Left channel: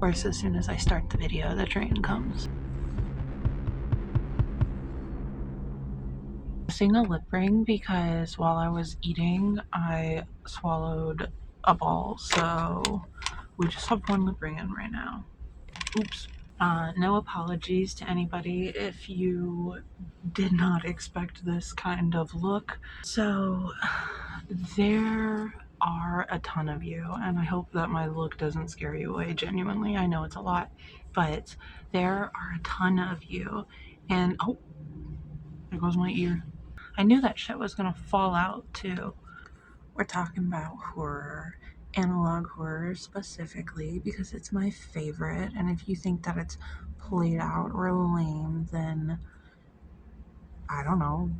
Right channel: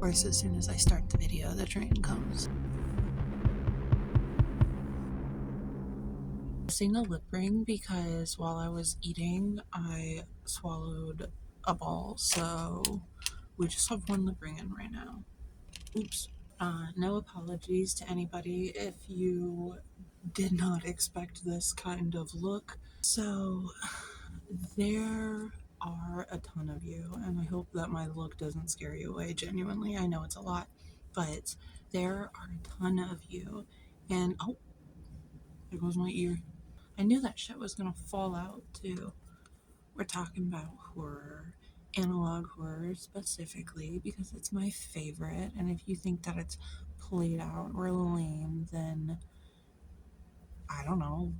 Of course, as soon as I start the video, the train comes. Missing a lip ring because while I was eating, I swallowed a ball, so we just have one lip ring in right now. Oops. No apologies to anybody if you did not expect this kind of look. So, there are a ton of you, and I hope that my look doesn't scare you away. Genuinely, I know it's a lot, but there are a ton of you, and oh, there goes my ear. I knew that shit was gonna fall out too. We're talking about horror, analog horror specifically, because it's my favorite, and if you think that it's played out or lame, then I don't know,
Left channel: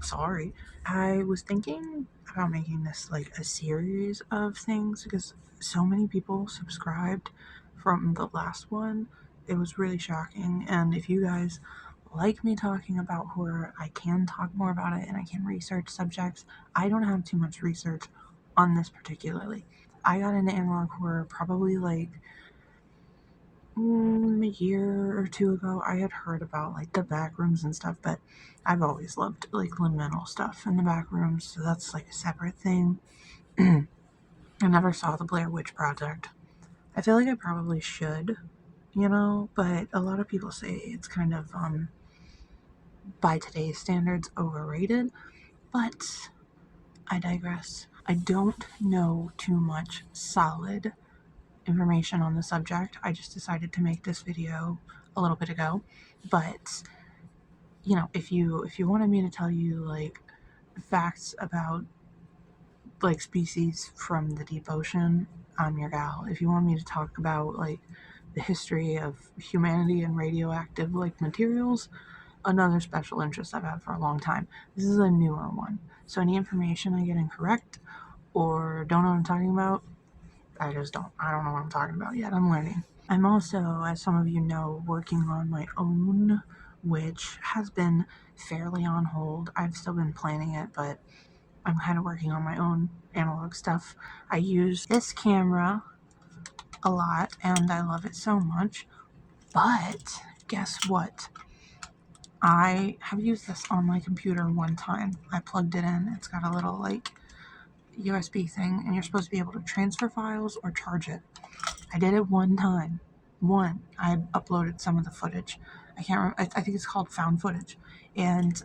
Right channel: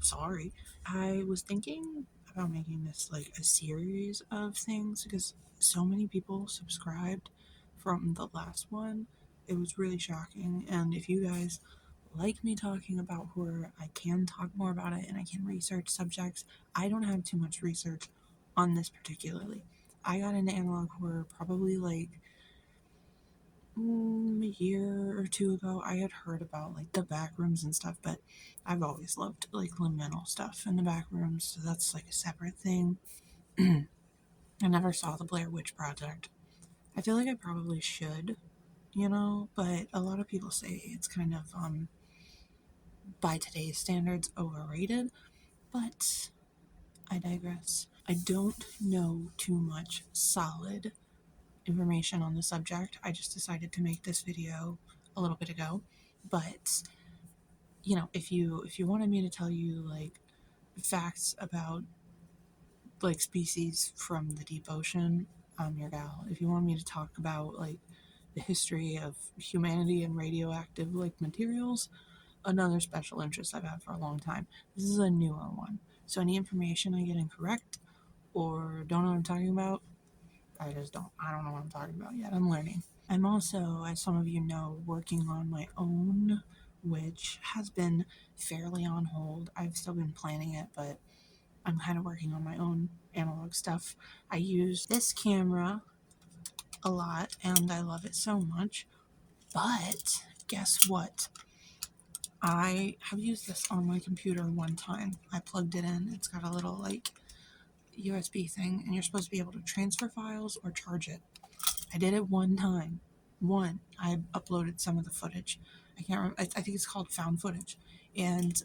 sorry. I was thinking about making this like a series of things because so many people subscribed from the last one. It was really shocking, and if you guys like me talking about horror, I can talk more about it and I can research subjects. I don't have too much research on this particularly. I got into analog horror probably like a year or two ago. I had heard about like the back rooms and stuff, but I've always loved like liminal stuff in the back rooms, so that's like a separate thing. I never saw the Blair Witch Project. I feel like I probably should, but a lot of people say it's kind of by today's standards overrated, but I digress. I don't know too much solid information on the subject. I just decided to make this video a little bit ago, but if you wanted me to tell you like facts about like species from the deep ocean, I'm your gal. If you want me to talk about like the history of humanity and radioactive like materials, another special interest I've had for a long time. This is a newer one, so any information I get incorrect or don't know what I'm talking about, I don't know what I'm talking about yet. I'm learning. I'm also, as some of you know, working on my own, which has been fairly on hold. I've still been planning it, but I'm kind of working on my own analog stuff. I use this camera a lot and I love it so much, but guess what? I have used this on my computer one time. I plugged it in. It's got a little like USB thing, and you're supposed to be able to transfer files or charge it. I did it one time. I uploaded some of the footage. I can't remember. I think it's called found footage. And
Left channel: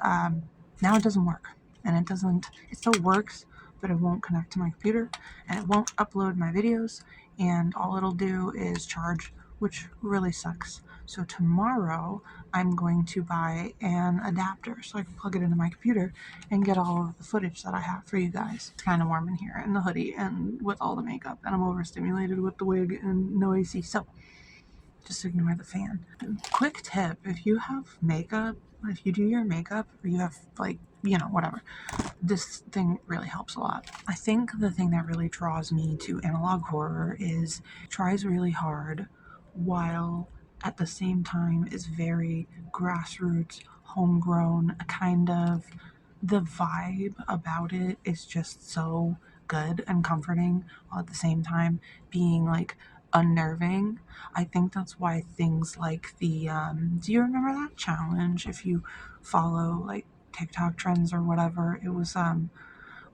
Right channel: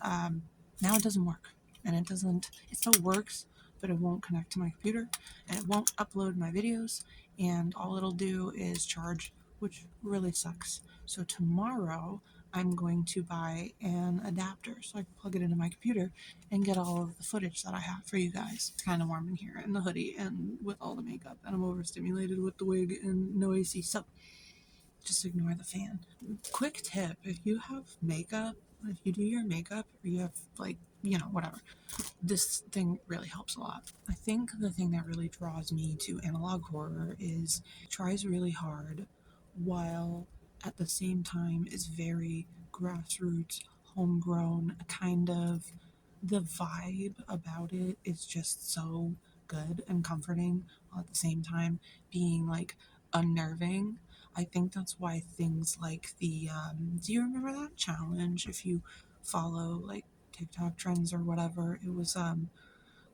now it doesn't work. And it still works, but it won't connect to my computer. And it won't upload my videos. And all it'll do is charge, which really sucks. So tomorrow, I'm going to buy an adapter so I can plug it into my computer and get all of the footage that I have for you guys. It's kind of warm in here in the hoodie and with all the makeup, and I'm overstimulated with the wig and no AC, so just ignore the fan. Quick tip, if you have makeup, if you do your makeup or you have like, whatever, this thing really helps a lot. I think the thing that really draws me to analog horror is it tries really hard while at the same time is very grassroots, homegrown, kind of. The vibe about it is just so good and comforting, while at the same time being like unnerving. I think that's why things like the do you remember that challenge? If you follow like TikTok trends or whatever, it was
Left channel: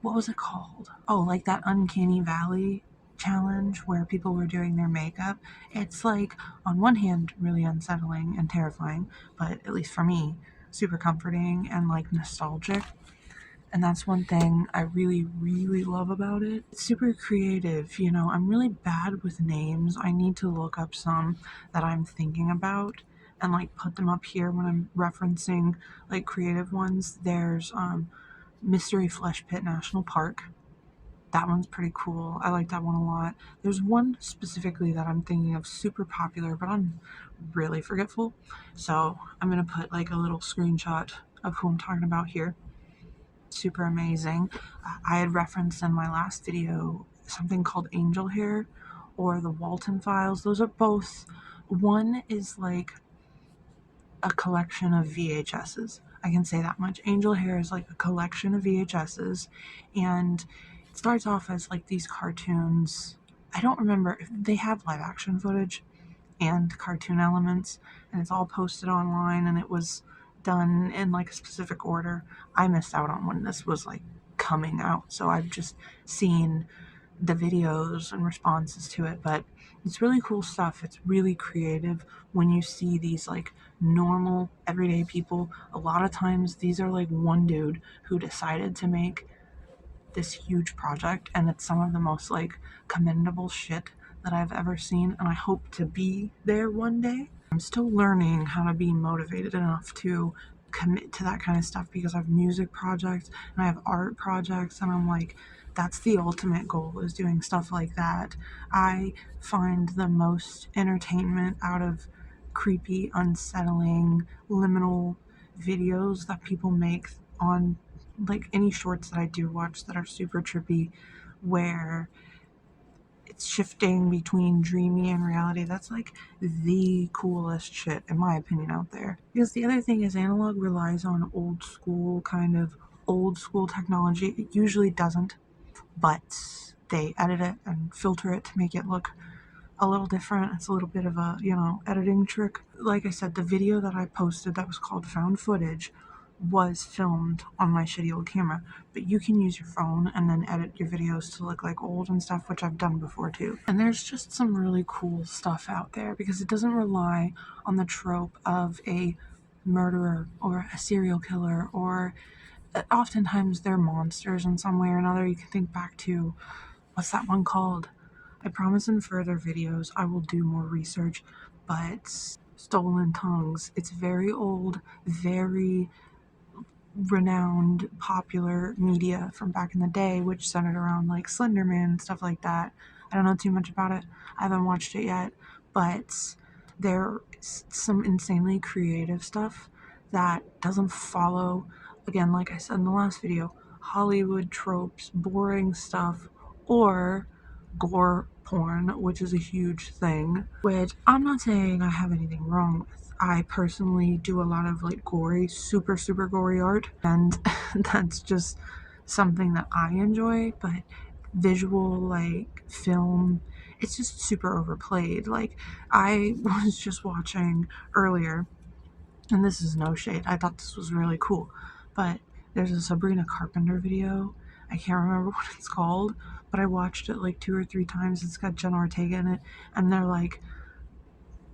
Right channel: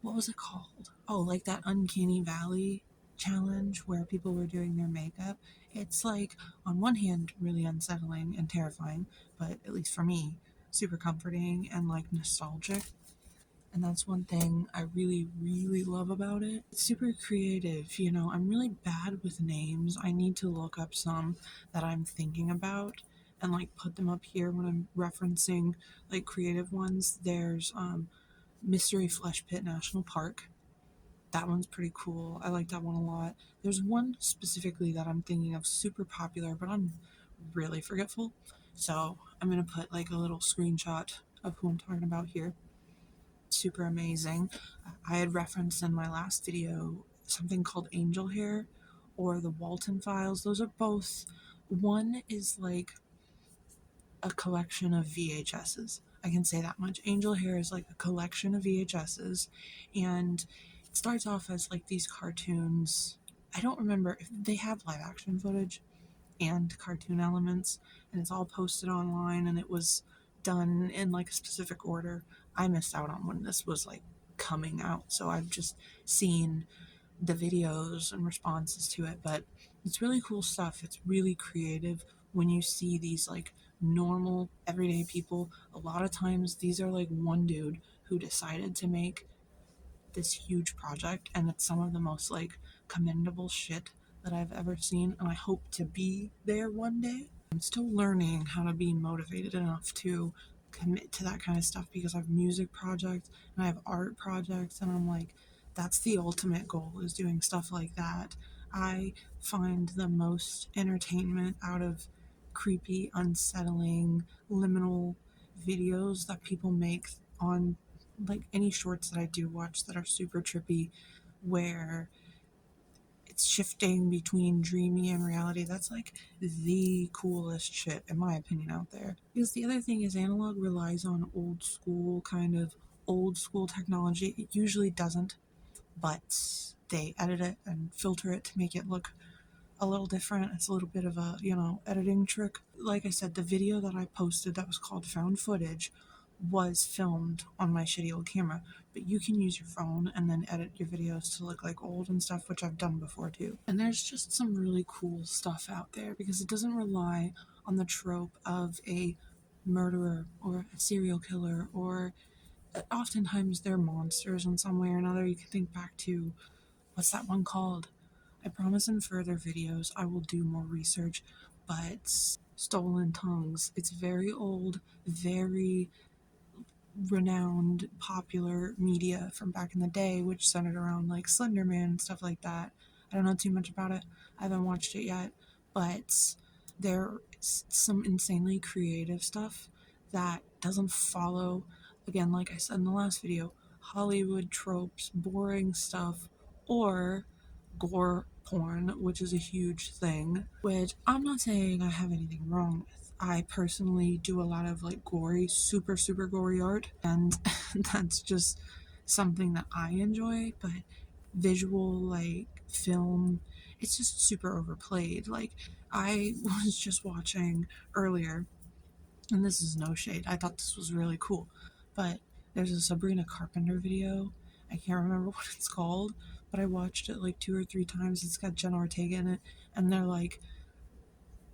what was it called? Oh, like that Uncanny Valley challenge where people were doing their makeup. It's like on one hand really unsettling and terrifying, but at least for me, super comforting and like nostalgic. And that's one thing I really, really love about it. It's super creative, I'm really bad with names. I need to look up some that I'm thinking about and like put them up here when I'm referencing like creative ones. There's Mystery Flesh Pit National Park. That one's pretty cool. I like that one a lot. There's one specifically that I'm thinking of, super popular, but I'm really forgetful. So I'm going to put like a little screenshot of who I'm talking about here. Super amazing. I had referenced in my last video something called Angel Hair or the Walton Files. Those are both, one is like a collection of VHSs. I can say that much. Angel Hair is like a collection of VHSs, and it starts off as like these cartoons. I don't remember if they have live action footage, and cartoon elements, and it's all posted online, and it was done in like a specific order. I missed out on when this was like coming out, so I've just seen the videos and responses to it, but it's really cool stuff. It's really creative when you see these like normal everyday people. A lot of times these are like one dude who decided to make this huge project, and it's some of the most like commendable shit that I've ever seen, and I hope to be there one day. I'm still learning how to be motivated enough to commit to that kind of stuff because I have music projects and I have art projects, and I'm like, that's the ultimate goal, is doing stuff like that. I find the most entertainment out of creepy, unsettling, liminal videos that people make on like any shorts that I do watch that are super trippy, where it's shifting between dreamy and reality. That's like the coolest shit, in my opinion, out there. Because the other thing is, analog relies on old school technology. It usually doesn't, but they edit it and filter it to make it look a little different. It's a little bit of a, editing trick. Like I said, the video that I posted that was called Found Footage was filmed on my shitty old camera, but you can use your phone and then edit your videos to look like old and stuff, which I've done before too. And there's just some really cool stuff out there because it doesn't rely on the trope of a murderer or a serial killer, or oftentimes they're monsters in some way or another. You can think back to, what's that one called? I promise in further videos I will do more research, but Stolen Tongues, it's very old, very renowned, popular media from back in the day, which centered around like Slenderman and stuff like that. I don't know too much about it. I haven't watched it yet, but there's some insanely creative stuff that doesn't follow, again, like I said in the last video, Hollywood tropes, boring stuff, or gore porn, which is a huge thing, which I'm not saying I have anything wrong with. I personally do a lot of like gory, super, super gory art, and that's just something that I enjoy, but visual, like film, it's just super overplayed. Like, I was just watching earlier, and this is no shade, I thought this was really cool, but there's a Sabrina Carpenter video. I can't remember what it's called, but I watched it like 2 or 3 times. It's got Jenna Ortega in it, and they're like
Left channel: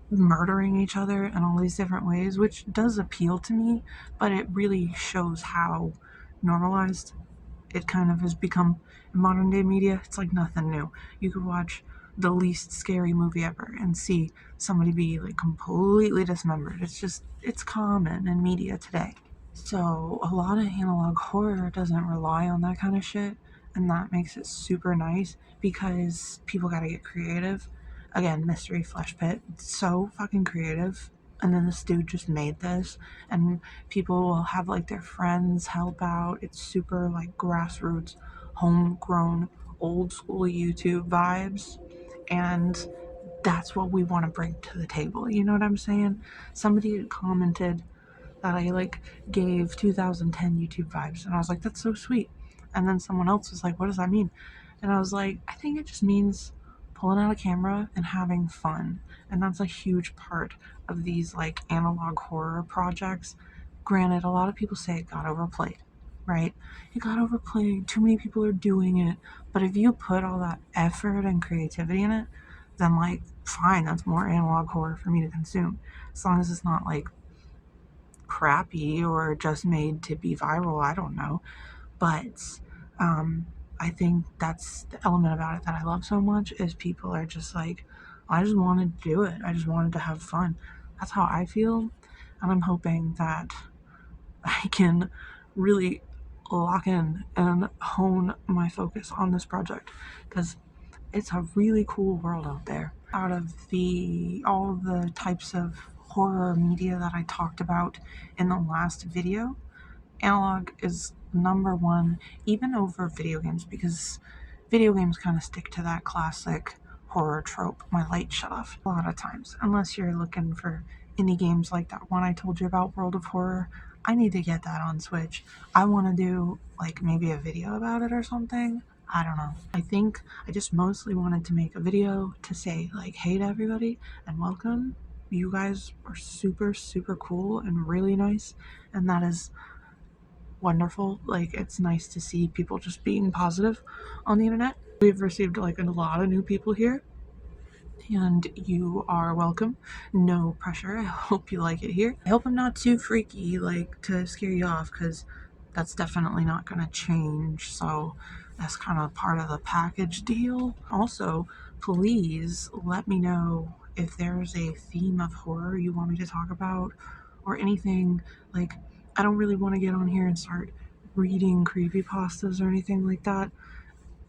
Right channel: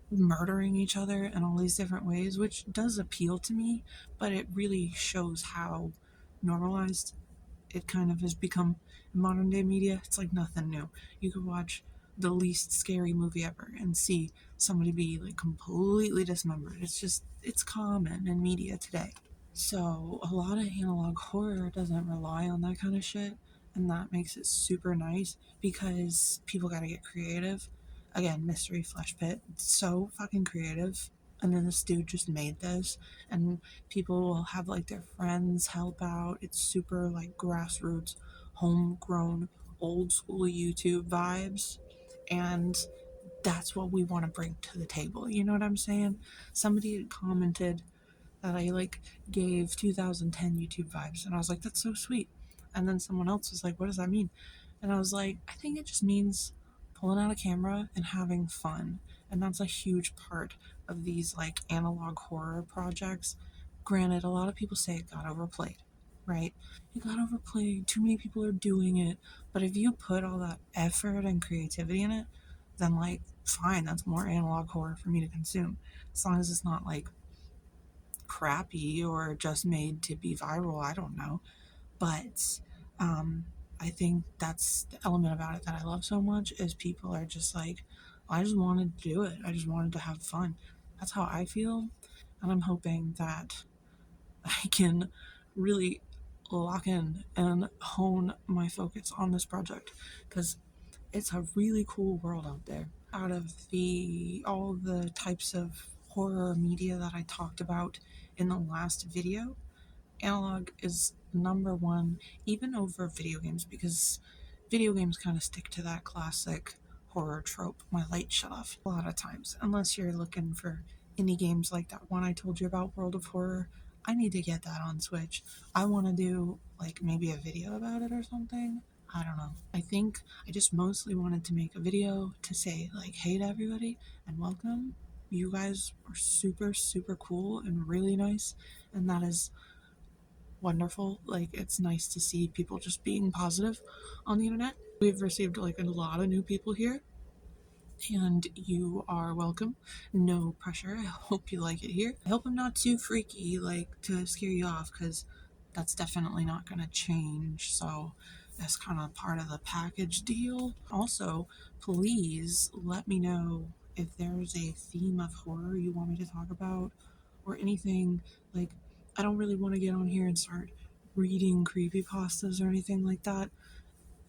murdering each other in all these different ways, which does appeal to me, but it really shows how normalized it kind of has become in modern day media. It's like nothing new. You could watch the least scary movie ever and see somebody be like completely dismembered. It's common in media today. So a lot of analog horror doesn't rely on that kind of shit, and that makes it super nice because people gotta get creative. Again, Mystery Flesh Pit, it's so fucking creative. And then this dude just made this, and people will have like their friends help out. It's super like grassroots, homegrown, old school YouTube vibes, and that's what we want to bring to the table. You know what I'm saying? Somebody had commented that I like gave 2010 YouTube vibes, and I was like, that's so sweet. And then someone else was like, what does that mean? And I was like, I think it just means pulling out a camera and having fun. And that's a huge part of these like analog horror projects. Granted, a lot of people say it got overplayed, right? It got overplayed, too many people are doing it. But if you put all that effort and creativity in it, then like, fine, that's more analog horror for me to consume. As long as it's not like crappy or just made to be viral, I don't know. But I think that's the element about it that I love so much, is people are just like, I just wanted to do it. I just wanted to have fun. That's how I feel. And I'm hoping that I can really lock in and hone my focus on this project, because it's a really cool world out there. Out of all the types of horror media that I talked about in the last video, analog is number one, even over video games, because video games kind of stick to that classic horror trope. My light shut off a lot of times, unless you're looking for indie games like that one I told you about, World of Horror. I need to get that on Switch. I want to do like maybe a video about it or something. I don't know. I think I just mostly wanted to make a video to say, like, hey to everybody and welcome. You guys are super, super cool and really nice, and that is wonderful. Like, it's nice to see people just being positive on the internet. We've received like a lot of new people here, and you are welcome. No pressure. I hope you like it here. I hope I'm not too freaky, like, to scare you off, because that's definitely not gonna change. So that's kind of part of the package deal. Also, please let me know if there's a theme of horror you want me to talk about or anything. Like, I don't really want to get on here and start reading creepypastas or anything like that.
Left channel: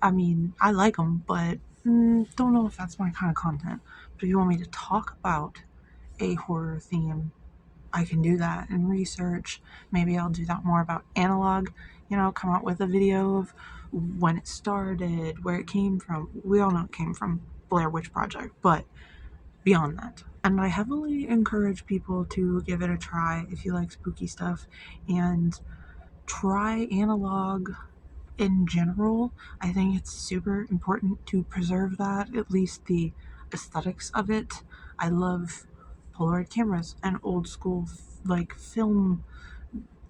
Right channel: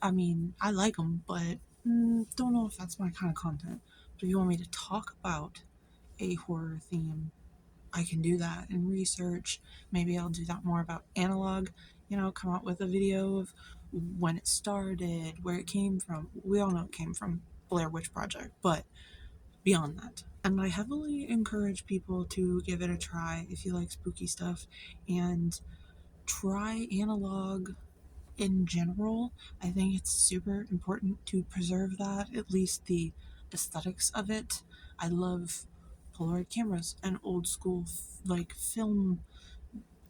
I mean, I like them, but don't know if that's my kind of content. But if you want me to talk about a horror theme, I can do that and research. Maybe I'll do that more about analog, come out with a video of when it started, where it came from. We all know it came from Blair Witch Project, but beyond that. And I heavily encourage people to give it a try if you like spooky stuff and try analog in general. I think it's super important to preserve that, at least the aesthetics of it. I love Polaroid cameras and old school like film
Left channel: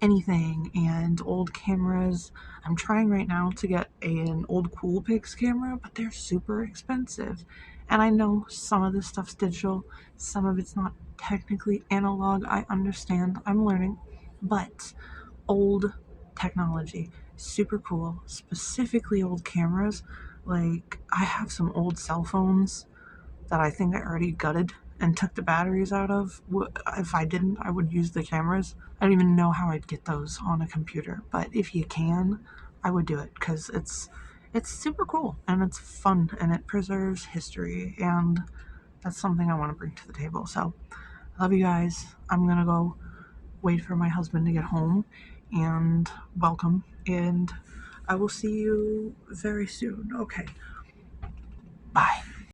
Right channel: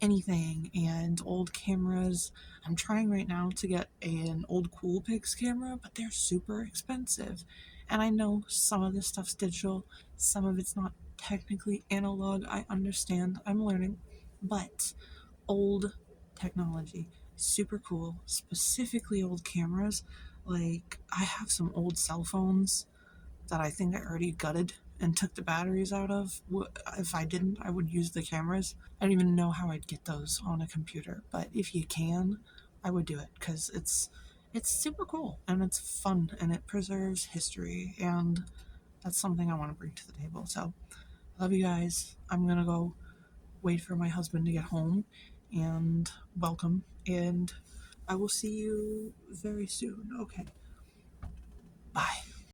anything and old cameras. I'm trying right now to get an old Coolpix camera, but they're super expensive. And I know some of this stuff's digital, some of it's not technically analog. I understand, I'm learning, but old technology, super cool, specifically old cameras. Like, I have some old cell phones that I think I already gutted and took the batteries out of. If I didn't, I would use the cameras. I don't even know how I'd get those on a computer, but if you can, I would do it because it's super cool and it's fun and it preserves history, and that's something I want to bring to the table. So I love you guys. I'm gonna go wait for my husband to get home and welcome, and I will see you very soon. Okay, bye.